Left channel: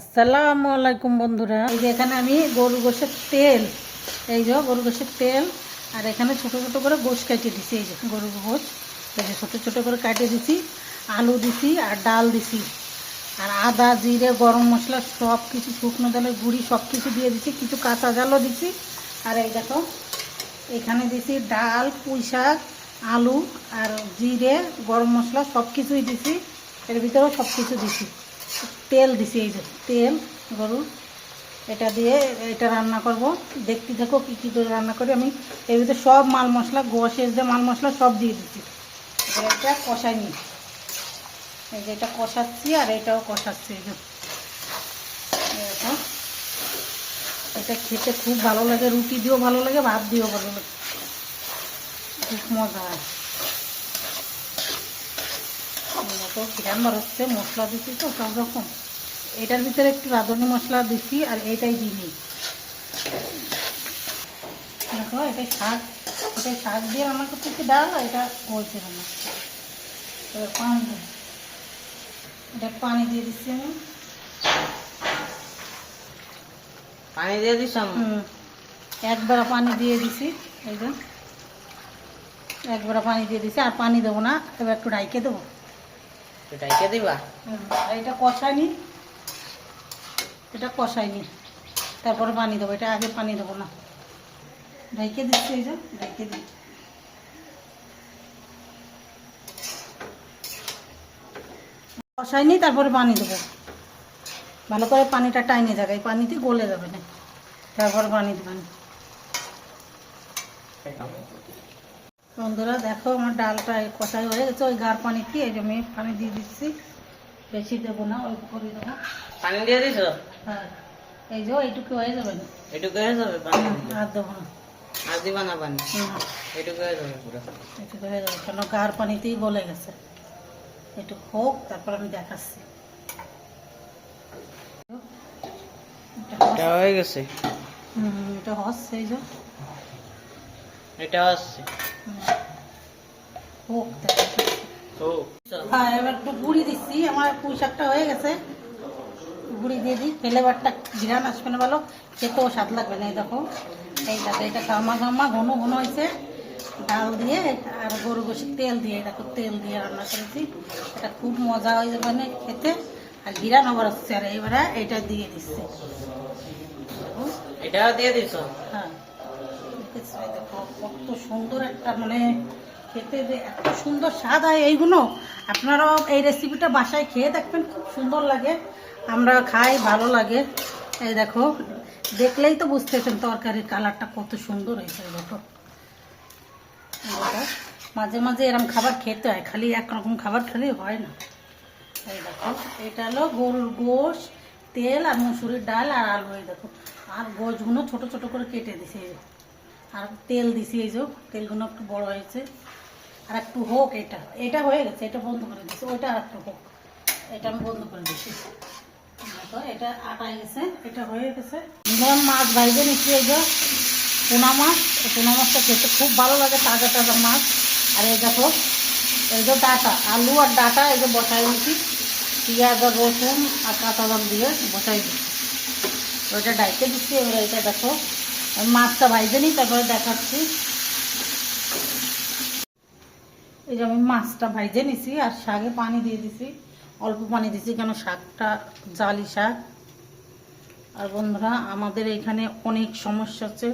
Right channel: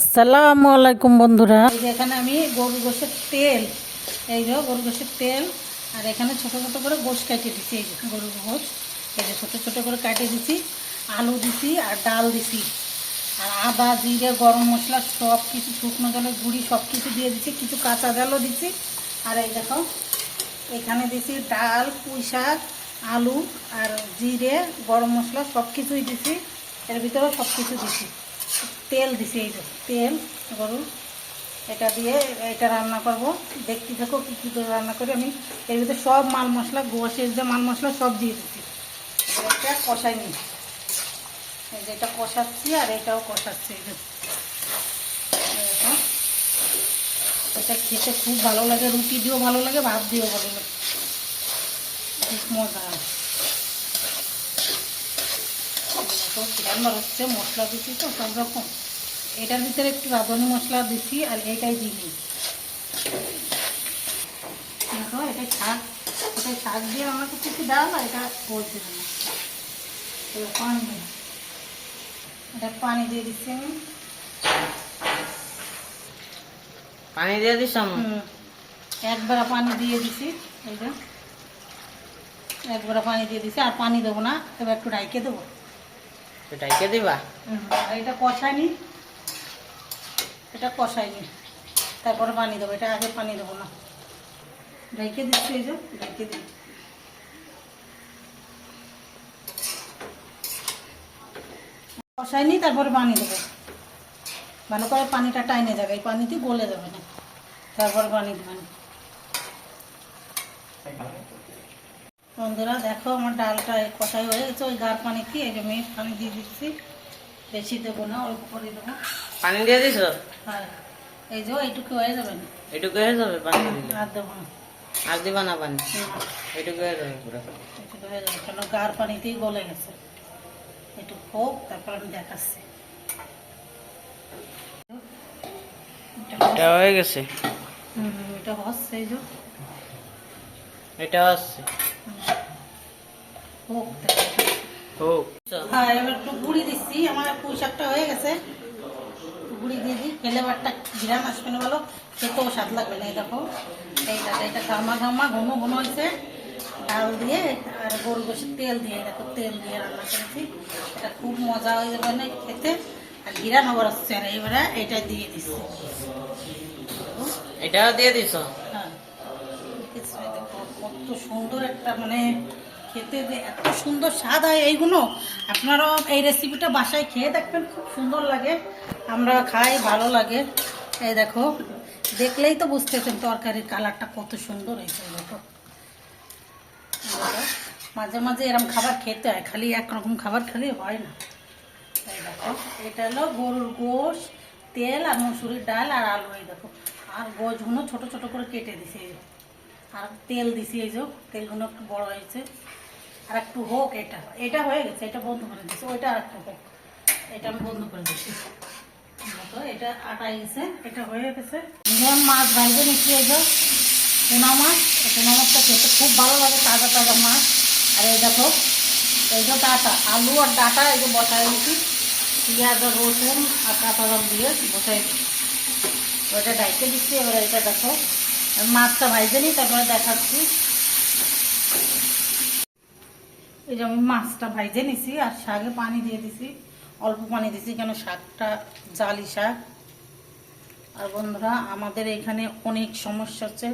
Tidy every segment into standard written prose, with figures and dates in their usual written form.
আসসালামু আলাইকুম বন্ধুরা, এই যে এখানে আমি গরু গোশের তেল, এই যে গরু গোশের তেল, আর এখানে ছোটো ছোটো করে গোশ কাটিয়ে দিছি। এই যে গরুর গোশ, এই যে ছোটো ছোটো করে কাটিয়ে দিছি, আলু দিছি আর ডাল দিছি, আর আদা জিরে গরম মশলা সব কিছু, শুকনো জলের গুঁড়ি সব কিছু দিয়ে দিছি, কিছু কাঁচা জলও দিছি। আর এই দেখো এখানে দিছি ডাল, পুঁই শাক, আলু আর জিরে গরম মশলা সব কিছুই দিছি, এর ভিতরেও সব কিছু দিছি। তেল দিছি, এই যে তেল গরুর, এটা দিয়ে এটা রান্না করব। দেখতে থাকো কী কী করে রান্না করি আমি। এর ভিতরে সব মাল মশলা, গোশের যে মাল মশলা সব দিয়ে দিচ্ছি। এটা কষাই নি, এই যে এটা কষাচ্ছি আর এটাও কষাচ্ছি। এই যে এটা খেতে খুব ভালো লাগে, রুটি দিয়েও ভালো লাগে, ভাত দিয়েও ভালো লাগে, খুব মজা হয়। রান্না হচ্ছে মশলা দিচ্ছি তো সব রকম, এটার ভিতরে একটু রাঁধুনি মশলা দিচ্ছি আর এটাই দিই। দেখো এটাই শাক দিয়ে আমার কাছে একটু ডাল, এটা বলছে না পানি, এটা পানি দিয়ে দিচ্ছি আমি। পানি দিয়ে দিস? একবার পানি দিয়ে দিছি, এই যে একবার পানি দিয়ে দিছি, আর পানি দেবো না, তবে একটু ঢাইকে দেবো। ঢাইকে দিবা? এটা কষাইনি, এটা কষাইনি, তারপরে পানি দেবো। এটা আগে পানি দেবো না, ঢেকে দিচ্ছি। এই যে ঢেকে দিই, কষাইনি, তারপরে পানি দেবো। ভালো করে পানিটা টাইনে যাবে, এই পানিতে গলে যাবে না, তারপর পানি দেবেন। বন্ধুরা দেখো আমার ডালটা কষাই হয়ে গেছে, ওই গার পানিতে এই যে আমি পানি দিয়ে দিচ্ছি, বেশি দেবো না, অল্প করে দেবো। পানি দিয়ে দিছ? হ্যাঁ, এই যে এইটুকু হয়ে যাবে না, এটুকু হয়ে যাবে পানি? আর দেবো না, আর দিবা না পানি? এটুকু হয়ে যাবে পুরো? এটুকু হয়ে যাবে, কেন গার পানিতেই গলে গেছে। একটু হোক, তারপর আমি দেখাচ্ছি। এটা হয়ে গেছে? এটা হচ্ছে, এই যে এটা হচ্ছে হোক। হোক। হ্যাঁ, এবার একটু গুঁড়ি দিচ্ছি, আমার পুঁই শাকটা হয়ে গেছে, গুঁড়ি দিয়ে দিই, ফ্লেভারটা ঘিরান আসবে না, ভালো খেতেও স্বাদ লাগবে না। এই দেখো এটা ঘামা ঘামা ঘন ঘন হয়েছে, ডাল দিয়ে আর গরু গোশের তেল দিয়ে, দেখো তেল দিয়ে রান্না করেছি, এটা খুব মজা হয়ে যাবে না খেতে, আর ঘিরান আবার আসছে। আর এবারে এটা দিয়ে দিচ্ছি, এটাও দিয়ে দিছ? হ্যাঁ, কত সুন্দর একটা, মানে খেতে এত সুন্দর স্বাদ হয় এইগুলো। আপনারাও এই রেসিপিটা বাসায় খেয়ে দেখবেন, খুব সুন্দর লাগে, আমরা খাই, ভালো লাগে। এই দেখো দেখলেই তো বুঝতেছেন তরকারির কালারটা কত সুন্দর হয়েছে। দেখো মাঝে মাঝে এরকম খাবার খেতে হয়, খালি একরকম খাবার খালি হয় না। এই দেখো এটা হলো গরুর গোশ, তেল আর মসুরির ডাল আর আলু। এই দেখো আর গোশগুলো ছোট ছোট করে কেটে দিছি, আর তেল দিছি, এই যে তেলগুলো একটু বড় হয়েছে। আর একটু হোক, এটা হয়ে গেছে, এটা বন্ধ করে দিচ্ছি, ওইটা আর একটু হোক, এটা আমি বন্ধ করে দিচ্ছি। তো এটা আটাই গেছে, এটা হয়ে গেছে। যেমন মাছ ভাইজে নিচ্ছি, এই যে টুনা মাছ, টুনা মাছটা খেতে খুব ভালো লাগে, তাজা তাজা মাছ। আর এই দেখো এই যে ডাটা, আলু আর ডাটা এই যে বসাই দিচ্ছি, পেঁয়াজ আর রসুন আর কাঁচা জল দিয়ে বসাই দিচ্ছি, ওইটা ডাইতে দিচ্ছি। এবার এটা দেখো মাছটা ভাইজে নিই, তারপরে দেখাচ্ছি। এই যে আমি মাছটা ভাইজে নিছি, আর শাকে পানি দিয়ে দিছি, অল্প পানি দিছি, কেন শাকটা জালি শাক। আর বন্ধুরা আমাদের এখানে অনেক সমস্যা হচ্ছে,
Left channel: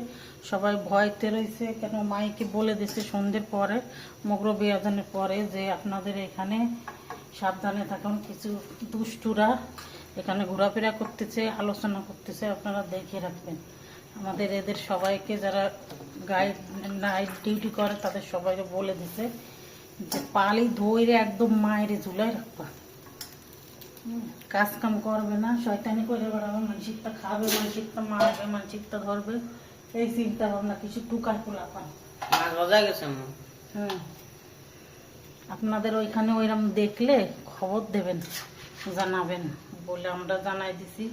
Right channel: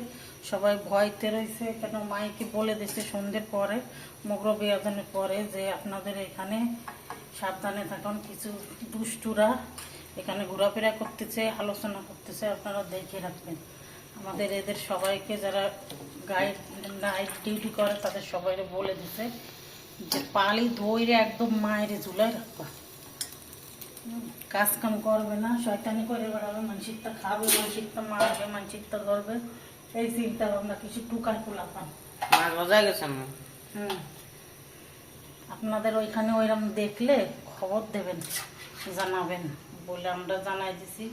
সবাই ভয়তে রয়েছে, কেন মাইকে বলে দিচ্ছে সন্ধ্যের পরে, মগর বিয়াজনের পরে, যে আপনাদের এখানে সাবধানে থাকুন, কিছু দুষ্টুরা এখানে ঘোরাফেরা করতেছে, আলোচনা করতেছে, আপনারা দেখে রাখবেন। আমাদের এদের সবাইকে, যারা গাইড নাইট ডিউটি করে, তাদের সবাই বলে দিছে যে পালি ধৈরে একদম মায়ের ঝুলাই রাখবা, কাজ কাম করবে না, শয়তানি করে বেড়াবে, মানসিকটা খাবে, মানসিকটা মারবে, মানসিকটা ধরবে, এই চিন্তা ভাবনা কিছু টুকায় খোলাপান। আপনাদের ওইখানে ওইরকম দেখলে খবর দেবেন, জানাবেন বলে আমরা জানাই দিছি।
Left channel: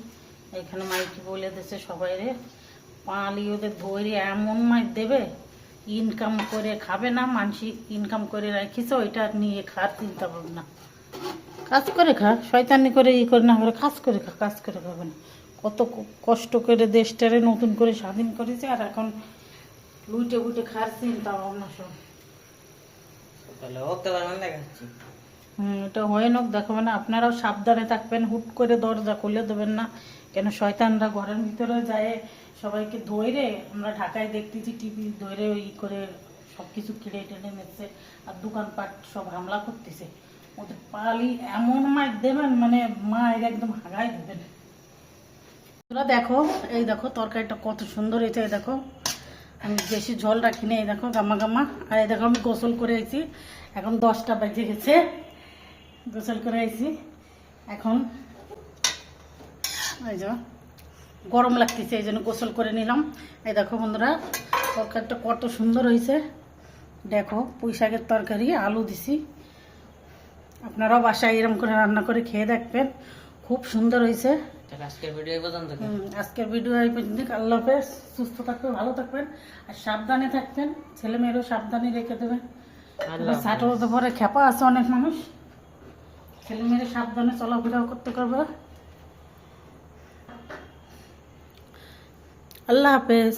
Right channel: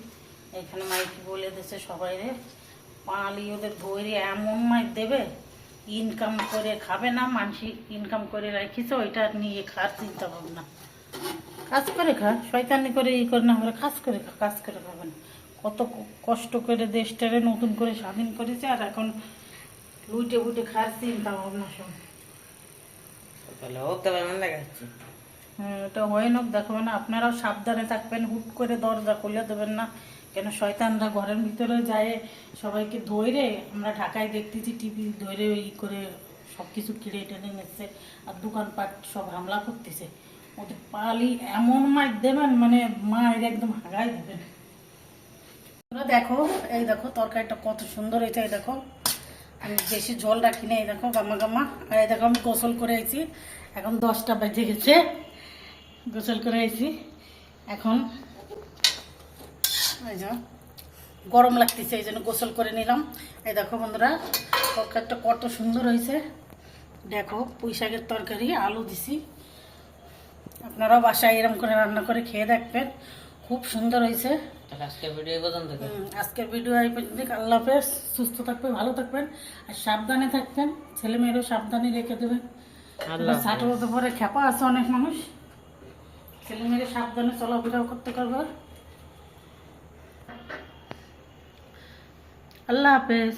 এখানে মাইকি বলে দিছে সবাই রে, পালি ওদের ধরে এমন মাইক দেবে, ইনকাম করে খাবে না, মানসিক ইনকাম করে রাখিছে, ওইটা নিয়ে খাওয়ার চিন্তা ভাবনা। কাজ করে খা, শয়তানি করে ই করে না করে কাজ করে খা, কাজ করে খাবেন। কত কষ্ট করে দেশটারে নতুন করে স্বাধীন করেছে, আর এখন লুইটে বুটে খাওয়ার চিন্তা ভাবনা সব। সকালে উঠতে পারবেন না গেছি। এটা হয় না, দেখো মানে আপনারাও সাবধানে থাকবেন, হুট করে দরজা খুলে দেবেন না, কেন শয়তানরা ঘরের ভিতরে যায় সবাইকে ধরে। আমরা ঢাকায় দেখতেছি টিভি ধরে ই করে সব কিছু কিনে টেনে নিচ্ছে, আর দোকানপাট সব হামলা করতেছে। ওদের পালি এমন মার দেবেন, মানে মায়ের একদম হাগাই দেবেন। তোরা দেখো, এই দেখো তরকারিটা কত সুন্দর হয়েছে। এই দেখো আমি বেশি ঝোল রাখিনি, এই দেখো গামা গামা। আর এই দেখো আমি গোসল করে আইছি, এখন 10টা বেজে গেছে, গোসল করে আইছি। এখন এই যে গরম লাগতেছে, এই জন্য গোসল করে নিলাম। এই দেখো বন্ধুরা তরকারিটা কত সুন্দর হয়েছে। দেখো পুঁই শাকের তরকারি, আলু দিছি। আপনারাও বাসায় এরকম করে রান্না করে খেয়ে দেখবেন, খুব সুন্দর হয়েছে। তাহলে আজকের ভিডিও এই পর্যন্ত। আজকের ভিডিও এই পর্যন্ত। আল্লাহ হাফেজ, সুস্থ থাকবেন, ভালো থাকবেন, আর সাবধানে থাকবেন। ছেলে মেয়েরও সাবধানে রেখে দেবেন। আল্লাহ 60 বছর পরে খেপা আছে অনেক মানুষ, ছেলে মেয়ের সাবধানে চলাফেরা করতে পারবে। আল্লাহ হাফেজ।